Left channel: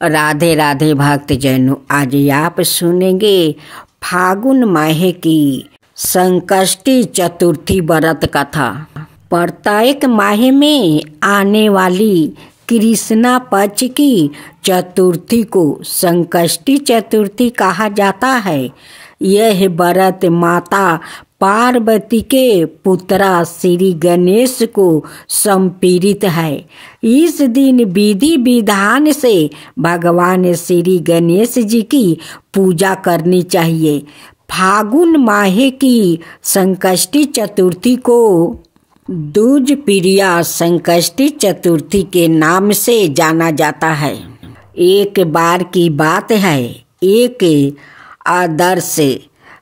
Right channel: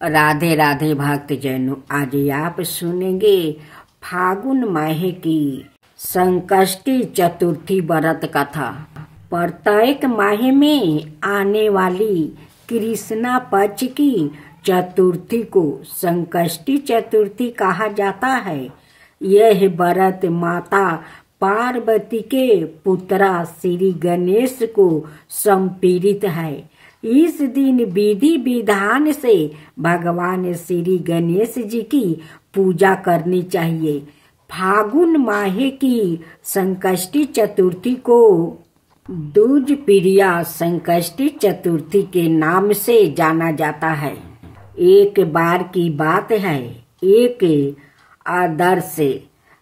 राधे राधे भक्तजनों, आज आप सुनेंगे फागुन माह की संकष्टी चतुर्थी व्रत कथा। प्रत्येक माह में आने वाली कृष्णा पक्ष की चतुर्थी को संकष्टी चतुर्थी कहा जाता है। यह व्रत माता पार्वती के पुत्रा श्री गणेश को समर्पित है। इस दिन विधि विधान से भगवान श्री गणेश जी की पूजा करनी चाहिए। फागुन माह की संकष्टी चतुर्थी को दूज प्रिया संकष्टी चतुर्थी के नाम से जाना जाता है। एक बार की बात है, एक आदर्श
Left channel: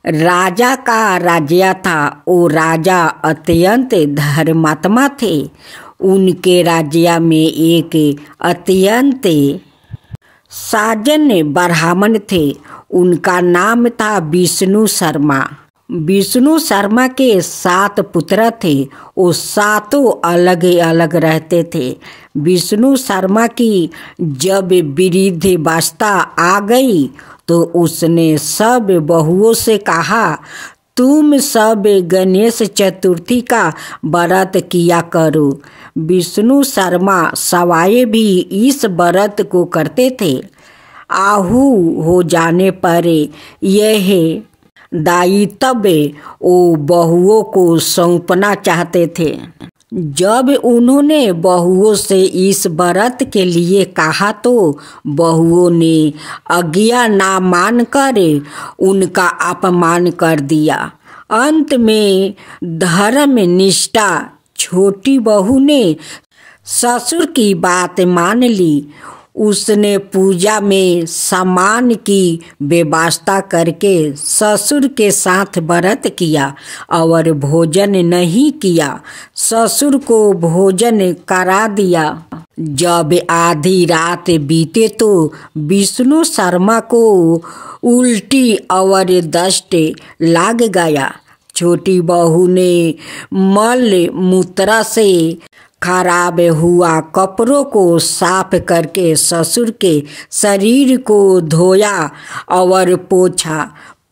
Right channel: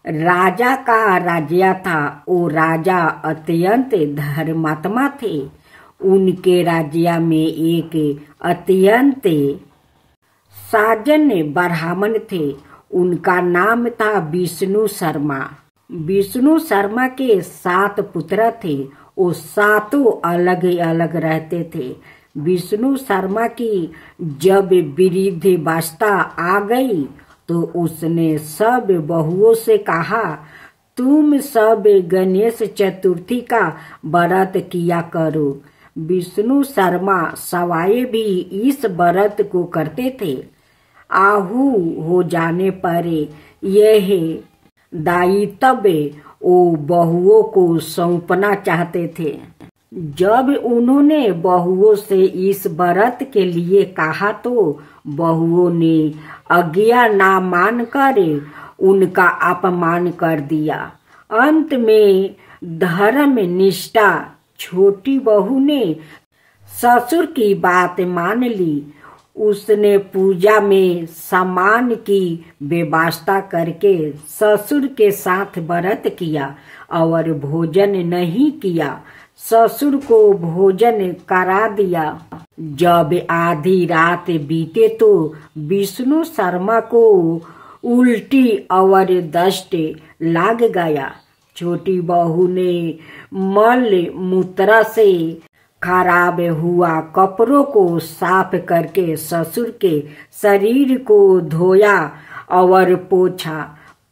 राजा का राज्य था। वो राजा अत्यंत धर्मात्मा थे। उनके राज्य में एक अत्यंत साजन ब्राह्मण थे। उनका नाम था विष्णु शर्मा। विष्णु शर्मा के 7 पुत्र थे। वो 7 अलग अलग रहते थे। विष्णु शर्मा की जब वृद्धावस्था आ गई तो उसने सब बहुओं से कहा, तुम सब गणेश चतुर्थी का व्रत किया करो। विष्णु शर्मा सवाए भी इस व्रत को करते थे। आहू हो जाने पर यह दायित्व वो बहुओं को सौंपना चाहते थे। जब उन्होंने बहुओं से इस व्रत के लिए कहा तो बहुओं ने आज्ञा ना मानकर उनका अपमान कर दिया। अंत में धर्म निष्ठा छोटी बहू ने ससुर की बात मान ली। उसने पूजा में सामान की व्यवस्था करके ससुर के साथ व्रत किया और भोजन नहीं किया। ससुर को भोजन करा दिया। जब आधी रात बीते तो विष्णु शर्मा को उल्टी और दस्त लग गया। छोटी बहू ने मल मूत्र से खराब हुआ कपड़ों को साफ करके ससुर के शरीर को धोया और पोछा।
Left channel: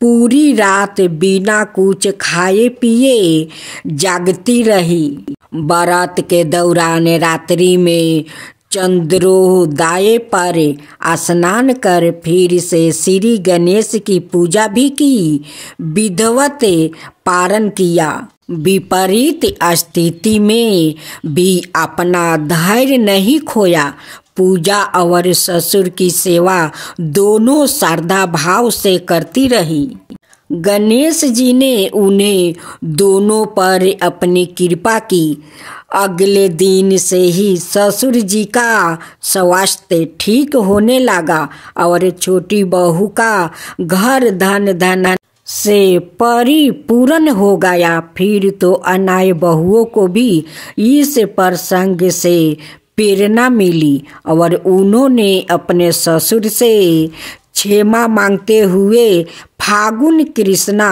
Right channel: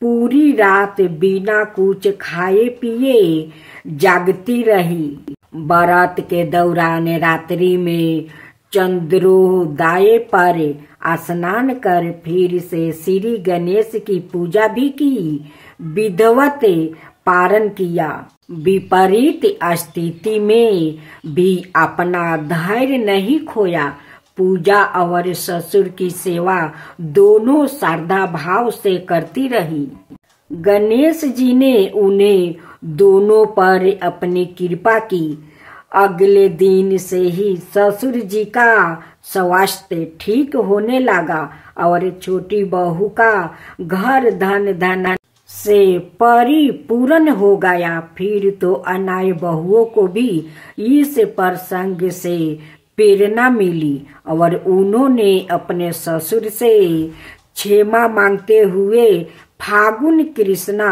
पूरी रात बिना कुछ खाए पिए जागती रही। बारात के दौरान रात्रि में चंद्रोदय पर स्नान कर फिर से श्री गणेश की पूजा भी की। विधिवत पारण किया। विपरीत स्थिति में भी अपना धैर्य नहीं खोया। पूजा और ससुर की सेवा दोनों श्रद्धा भाव से करती रही। गणेश जी ने उन्हें दोनों पर अपनी कृपा की। अगले दिन से ही ससुर जी का स्वास्थ्य ठीक होने लगा और छोटी बहू का घर धन से परिपूर्ण हो गया। फिर तो अनाय बहुओं को भी इस प्रसंग से प्रेरणा मिली और उन्होंने अपने ससुर से क्षमा मांगते हुए फागुन कृष्णा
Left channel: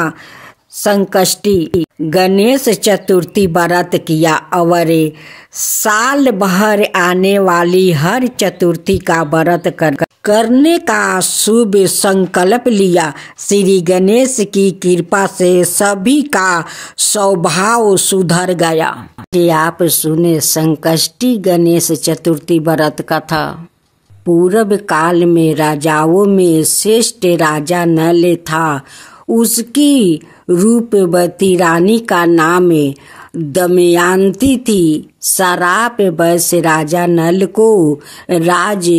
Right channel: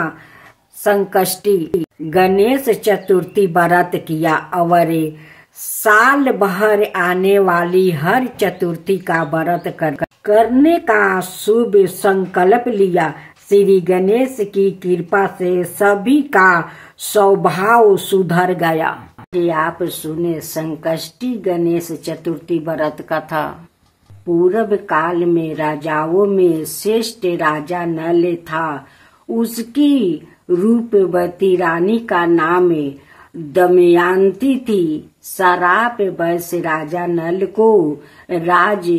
संकष्टी गणेश चतुर्थी व्रत किया और साल भर आने वाली हर चतुर्थी का व्रत करने का शुभ संकल्प लिया। श्री गणेश की कृपा से सभी का स्वभाव सुधर गया। आप सुने संकष्टी गणेश चतुर्थी व्रत कथा। पूर्व काल में राजाओं में श्रेष्ठ राजा नल था। उसकी रूपवती रानी का नाम दमयंती थी। शराब वश राजा नल को राज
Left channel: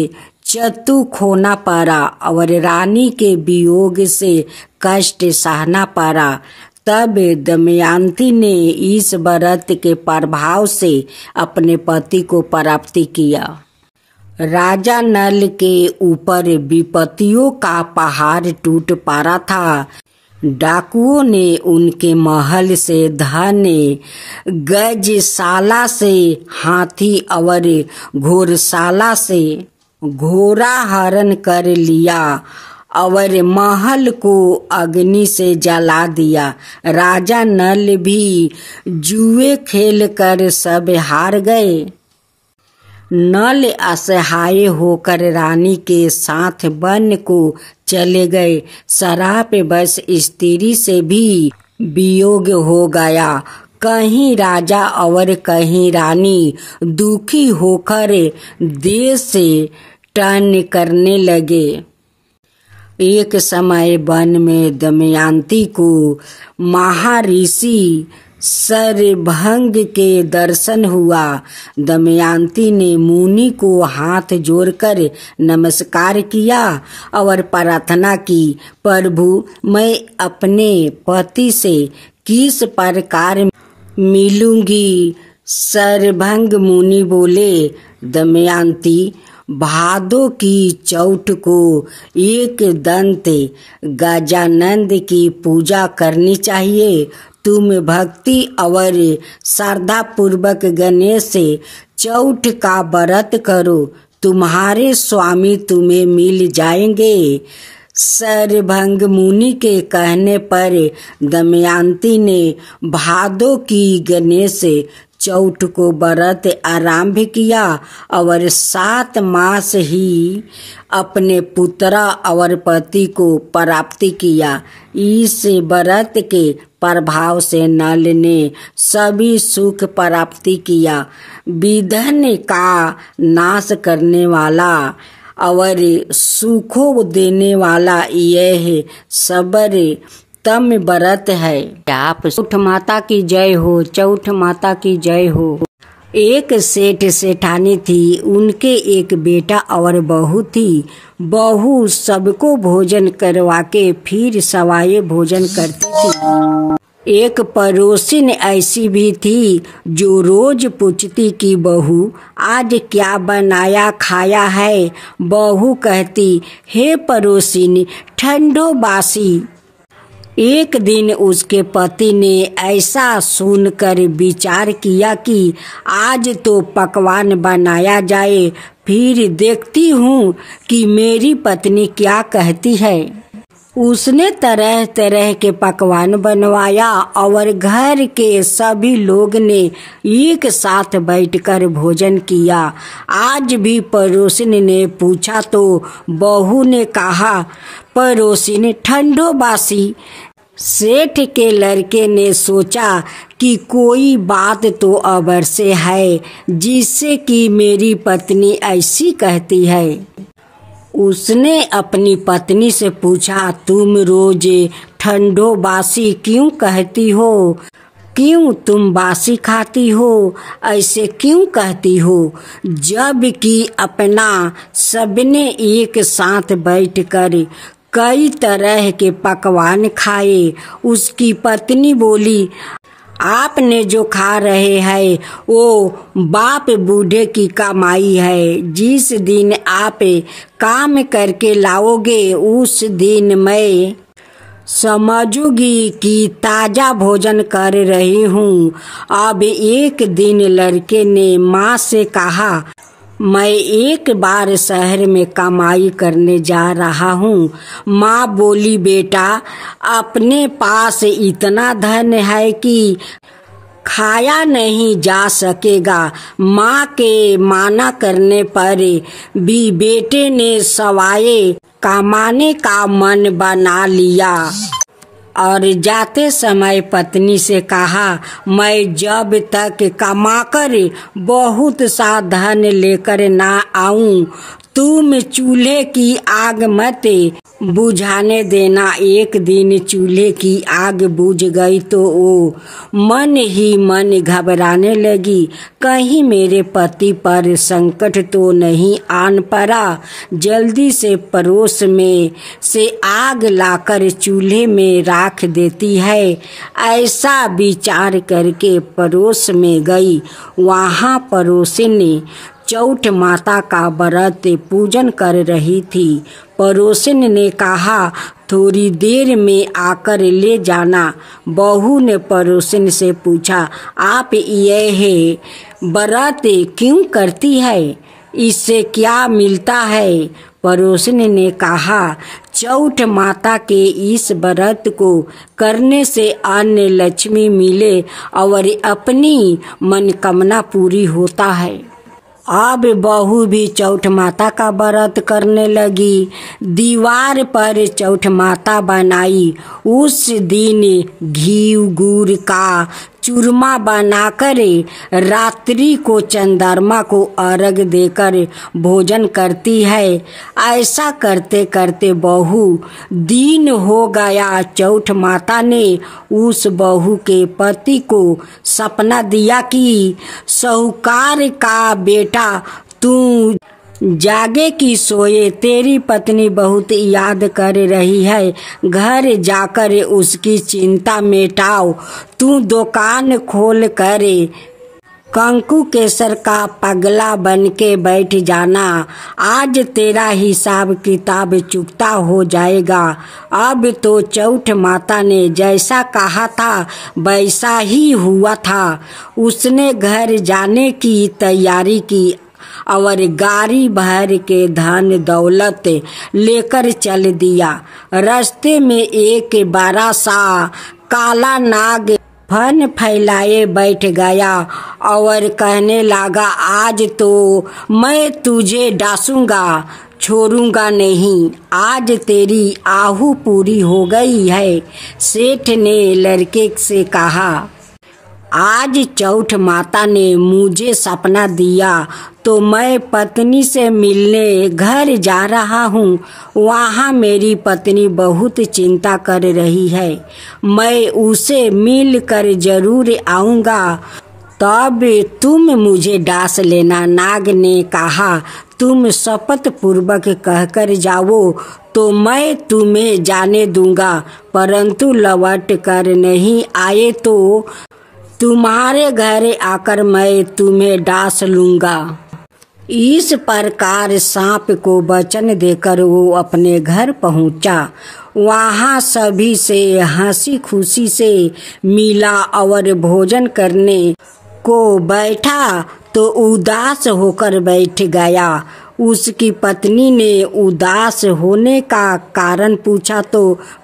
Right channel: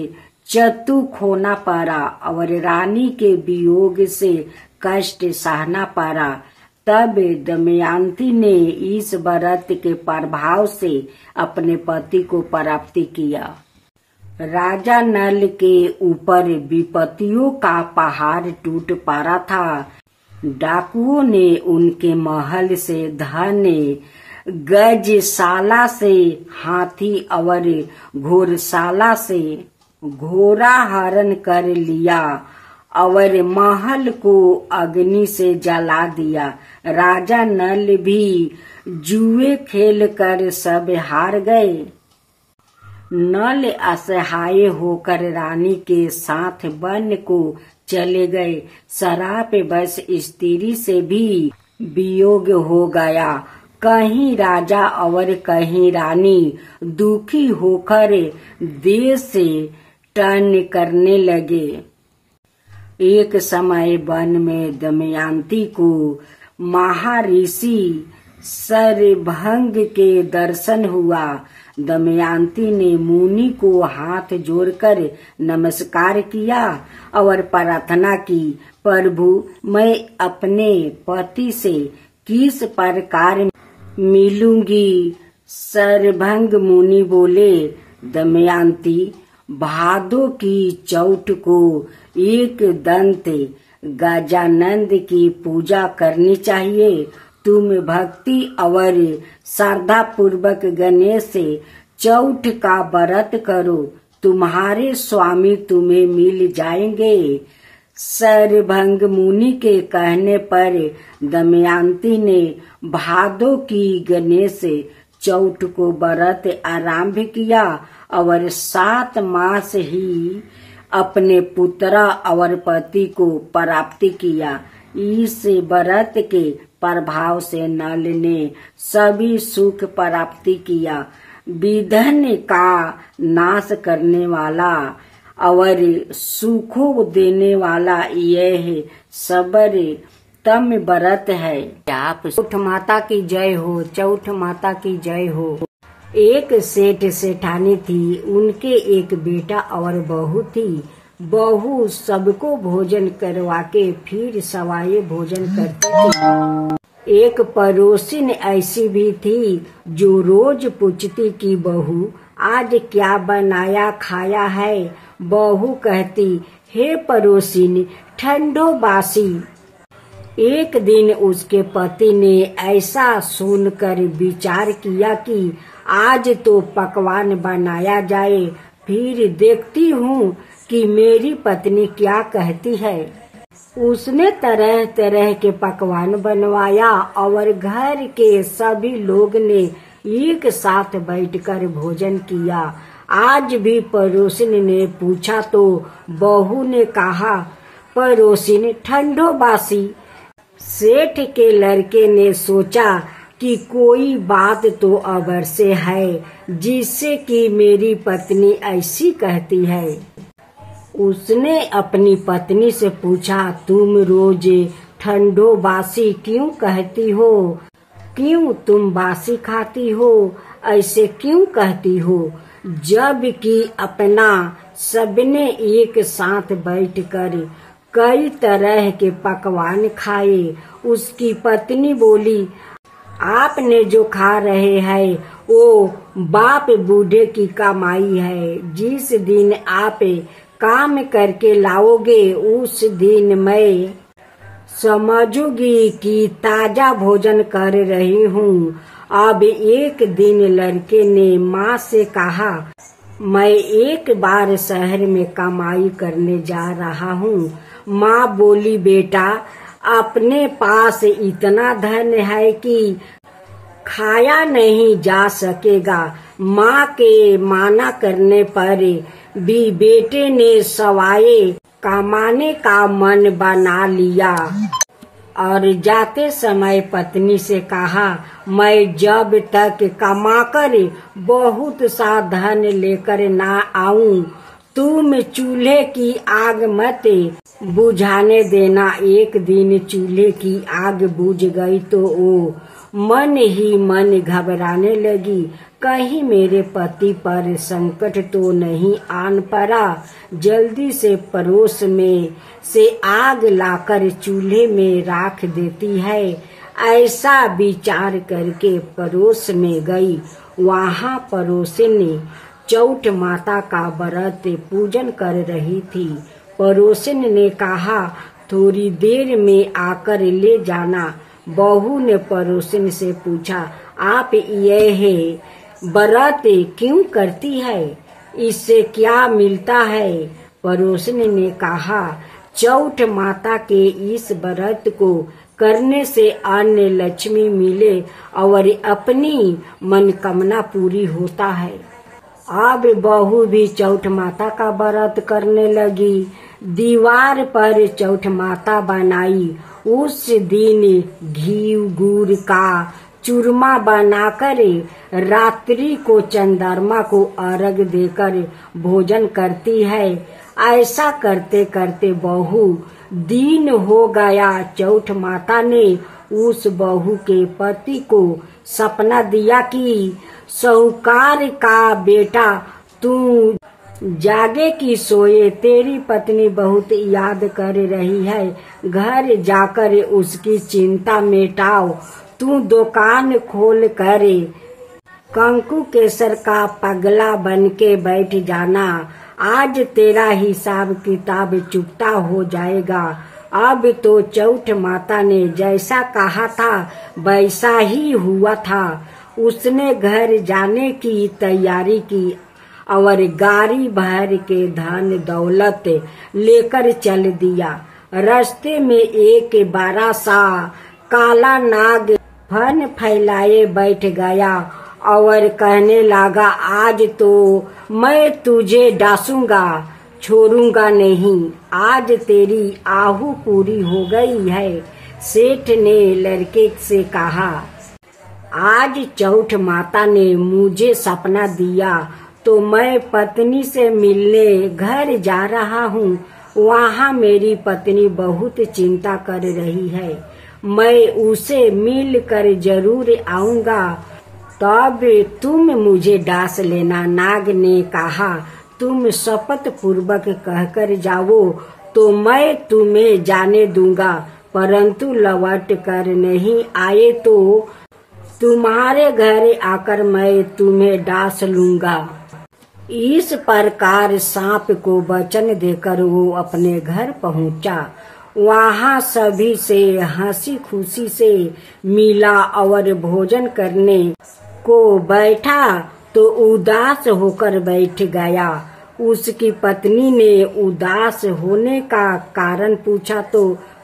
चतु खोना पड़ा और रानी के वियोग से कष्ट सहना पड़ा। तब दमयंती ने इस व्रत के प्रभाव से अपने पति को प्राप्त किया। राजा नल के ऊपर विपत्तियों का पहाड़ टूट पड़ा था। डाकुओं ने उनके महल से धन, गजशाला से हाथी और घोड़शाला से घोड़ा हरण कर लिया और महल को अग्नि से जला दिया। राजा नल भी जुए खेल कर सब हार गए। नल असहाय होकर रानी के साथ वन को चले गए। शराब बस स्त्री से भी वियोग हो गया। कहीं राजा और कहीं रानी दुखी होकर देश से टर्न करने लगे। एक समय वन में दमयंती को महर्षि शरभंग के दर्शन हुआ। दमयंती ने मुनि को हाथ जोड़कर नमस्कार किया और प्रार्थना की, प्रभु मैं अपने पति से किस प्रकार मिलूंगी? शरभंग मुनि बोले, दमयंती भादो की चौथ को एक दंत गजानंद की पूजा करनी चाहिए। तुम भक्ति और श्रद्धा पूर्वक गणेश चौथ का व्रत करो, तुम्हारे स्वामी तुम्हें मिल जाएंगे। शरभंग मुनि के कहने पर दमयंती ने भादो की गणेश चौथ को व्रत आरंभ किया और 7 मास ही अपने पुत्र और पति को प्राप्त किया। इस व्रत के प्रभाव से नल ने सभी सुख प्राप्ति किया। विघ्न का नाश करने वाला और सुखों देने वाला यह सबर तम व्रत है। आप चौथ माता की जय हो, चौथ माता की जय हो। एक सेठ सेठानी थी, उनके एक बेटा और बहू थी। बहू सबको भोजन करवा के फिर सवाए भोजन करती थी। एक पड़ोसिन ऐसी भी थी जो रोज पूछती कि बहू आज क्या बनाया खाया है? बहू कहती, हे पड़ोसिन ठंडो बासी। एक दिन उसके पति ने ऐसा सुनकर विचार किया कि आज तो पकवान बनाया जाए, फिर देखती हूँ कि मेरी पत्नी क्या कहती है। उसने तरह तरह के पकवान बनवाया और घर के सभी लोग ने एक साथ बैठकर भोजन किया। आज भी पड़ोसिन ने पूछा तो बहू ने कहा, पड़ोसिन ठंडो बासी। सेठ के लड़के ने सोचा कि कोई बात तो अवश्य है जिससे कि मेरी पत्नी ऐसी कहती है। उसने अपनी पत्नी से पूछा, तुम रोज ठंडो बासी क्यों कहती हो? क्यों तुम बासी खाती हो? ऐसे क्यों कहती हो? जब कि अपना सबने एक साथ बैठकर कई तरह के पकवान खाए। उसकी पत्नी बोली, आपने जो खा रहे हैं वो बाप बूढ़े की कमाई है। जिस दिन आप काम करके लाओगे उस दिन मैं समझूंगी कि ताजा भोजन कर रही हूँ। अब एक दिन लड़के ने माँ से कहा, मैं एक बार शहर में कमाई करने जा रहा हूँ। माँ बोली, बेटा अपने पास इतना धन है कि खाया नहीं जा सकेगा। माँ के माना करने पर भी बेटे ने सवाए कमाने का मन बना लिया और जाते समय पत्नी से कहा, मैं जब तक कमाकर बहुत सा धन लेकर ना आऊं तुम चूल्हे की आग मत बुझाने देना। एक दिन चूल्हे की आग बुझ गई तो वो मन ही मन घबराने लगी, कहीं मेरे पति पर संकट तो नहीं आन पड़ा। जल्दी से पड़ोस में से आग लाकर चूल्हे में राख देती है। ऐसा विचार करके पड़ोस में गई। वहाँ पड़ोसिन चौथ माता का व्रत पूजन कर रही थी। पड़ोसिन ने कहा, थोड़ी देर में आकर ले जाना। बहू ने पड़ोसिन से पूछा, आप यह व्रत क्यों करती है? इससे क्या मिलता है? पड़ोसिन ने कहा, चौथ माता के इस व्रत को करने से अन्न लक्ष्मी मिले और अपनी मनोकामना पूरी होता है। अब बहू भी चौठ माता का व्रत करने लगी। दीवार पर चौठ माता बनाई। उस दिन घी गुड़ का चूरमा बनाकर रात्रि को चंद्रमा को अर्घ देकर भोजन करती है। ऐसा करते करते बहू दिन हो गया। चौठ माता ने उस बहू के पति को सपना दिया कि साहूकार का बेटा तू जागे कि सोए, तेरी पत्नी बहुत याद कर रही है। घर जाकर उसकी चिंता मिटाओ। तू दुकान खोल कर कंकु केसर का पगला बन के बैठ जाना। आज तेरा हिसाब किताब चुकता हो जाएगा। अब तो चौठ माता ने जैसा कहा था वैसा ही हुआ था। उसने घर जाने की तैयारी की और गाड़ी भर के धन दौलत लेकर चल दिया। रास्ते में एक बड़ा सा काला नाग फन फैलाए बैठ गया और कहने लगा, आज तो मैं तुझे डांसूंगा, छोड़ूंगा नहीं। आज तेरी आहू पूरी हो गई है। सेठ ने लड़के से कहा, आज चौठ माता ने मुझे सपना दिया तो मैं पत्नी से मिलने घर जा रहा हूँ। वहाँ मेरी पत्नी बहुत चिंता कर रही है। मैं उसे मिल कर जरूर आऊँगा, तब तुम मुझे डांस लेना। नाग ने कहा, तुम शपथ पूर्वक कहकर जाओ तो मैं तुम्हें जाने दूंगा, परंतु लौट कर नहीं आए तो तुम्हारे घर आकर मैं तुम्हें डांस लूंगा। इस प्रकार सांप को वचन देकर वो अपने घर पहुंचा। वहाँ सभी से हंसी खुशी से मिला और भोजन करने को बैठा तो उदास होकर बैठ गया। उसकी पत्नी ने उदास होने का कारण पूछा तो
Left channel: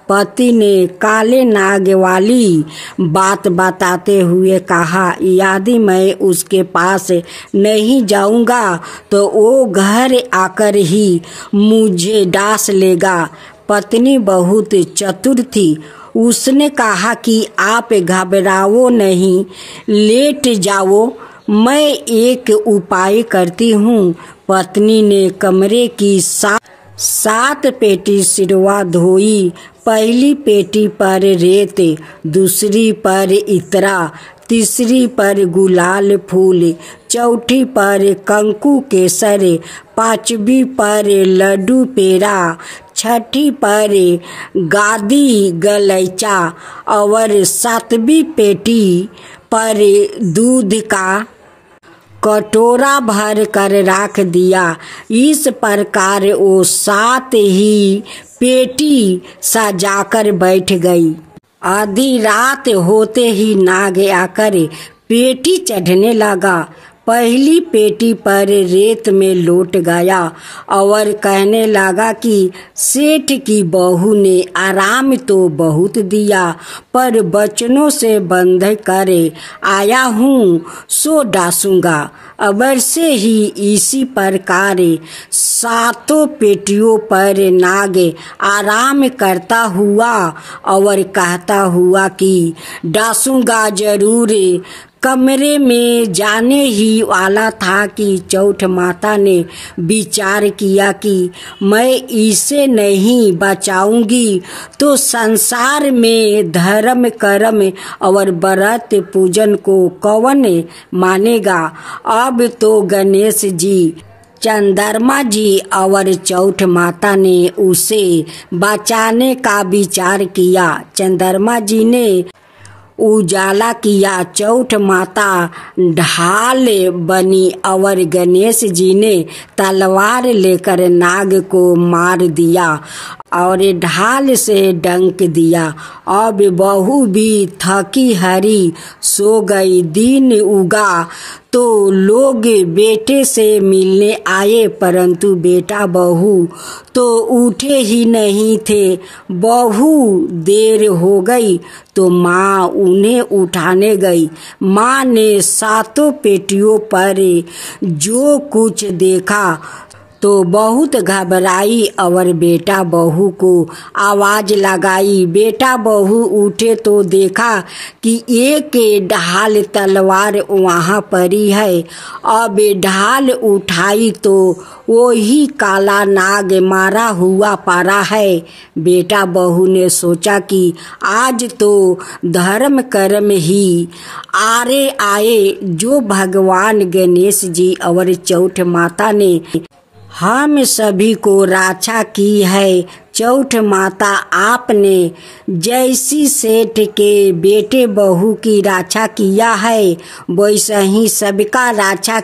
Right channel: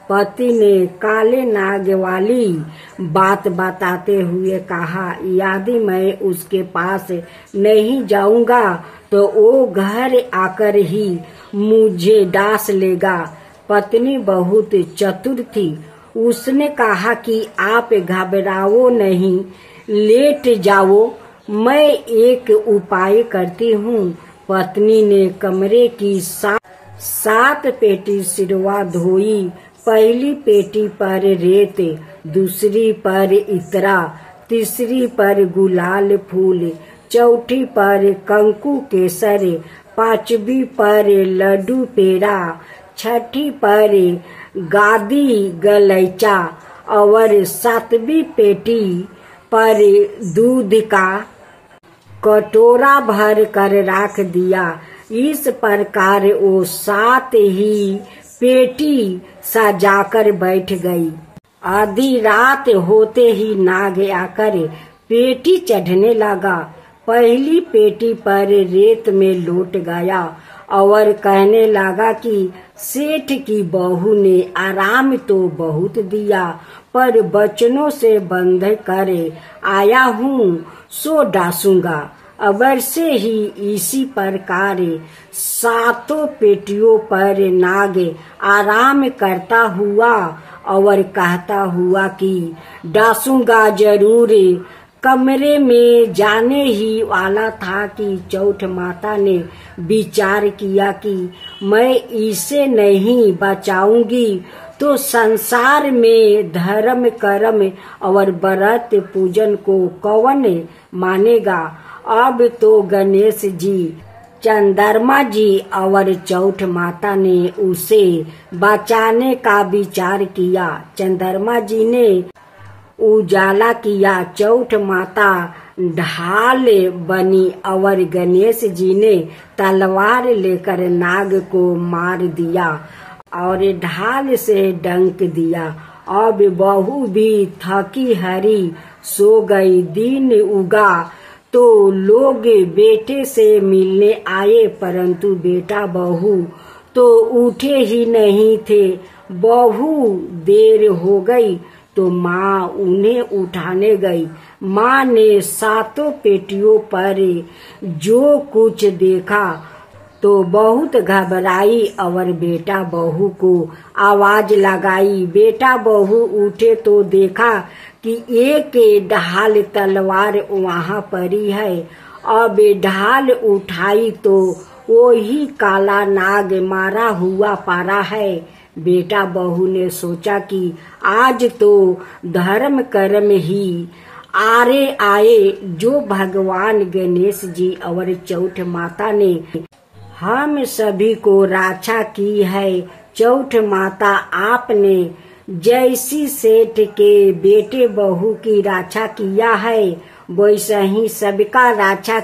पति ने काले नाग वाली बात बताते हुए कहा, यदि मैं उसके पास नहीं जाऊंगा तो वो घर आकर ही मुझे डांस लेगा। पत्नी बहुत चतुर थी। उसने कहा कि आप घबराओ नहीं, लेट जाओ, मैं एक उपाय करती हूँ। पत्नी ने कमरे की सात पेटी सिरवा धोई। पहली पेटी पर रेत, दूसरी पर इतरा, तीसरी पर गुलाल फूल, चौथी पर कंकु केसर, पांचवी पर लड्डू पेड़ा, छठी पर गादी गलैचा और सातवीं पेटी पर दूध का कटोरा भर कर रख दिया। इस प्रकार वो 7 ही पेटी सजाकर बैठ गई। आधी रात होते ही नाग आकर पेटी चढ़ने लगा। पहली पेटी पर रेत में लौट गया और कहने लगा कि सेठ की बहू ने आराम तो बहुत दिया, पर बचनों से बंध कर आया हूँ सो डांसूंगा। अबर से ही इसी प्रकार 7 पेटियों पर नाग आराम करता हुआ और कहता हुआ कि डांसूंगा जरूर। कमरे में जाने ही वाला था कि चौठ माता ने विचार किया कि मैं इसे नहीं बचाऊंगी तो संसार में धर्म कर्म और व्रत पूजन को कौन मानेगा। अब तो गणेश जी, चंद्रमा जी और चौठ माता ने उसे बचाने का विचार किया। चंद्रमा जी ने उजाला किया, चौठ माता ढाल बनी और गणेश जी ने तलवार लेकर नाग को मार दिया और ढाल से डंक दिया। अब बहू भी थकी हारी सो गई। दिन उगा तो लोग बेटे से मिलने आए, परंतु बेटा बहू तो उठे ही नहीं थे। बहु देर हो गई तो माँ उन्हें उठाने गई। माँ ने सातों पेटियों पर जो कुछ देखा तो बहुत घबराई और बेटा बहू को आवाज लगाई। बेटा बहू उठे तो देखा कि एक ढाल तलवार वहाँ पड़ी है। अब ढाल उठाई तो वही काला नाग मारा हुआ पड़ा है। बेटा बहू ने सोचा कि आज तो धर्म कर्म ही आरे आए, जो भगवान गणेश जी और चौठ माता ने हम सभी को रक्षा की है। चौठ माता आपने जैसी सेठ के बेटे बहू की रक्षा किया है, वैसे ही सबका रक्षा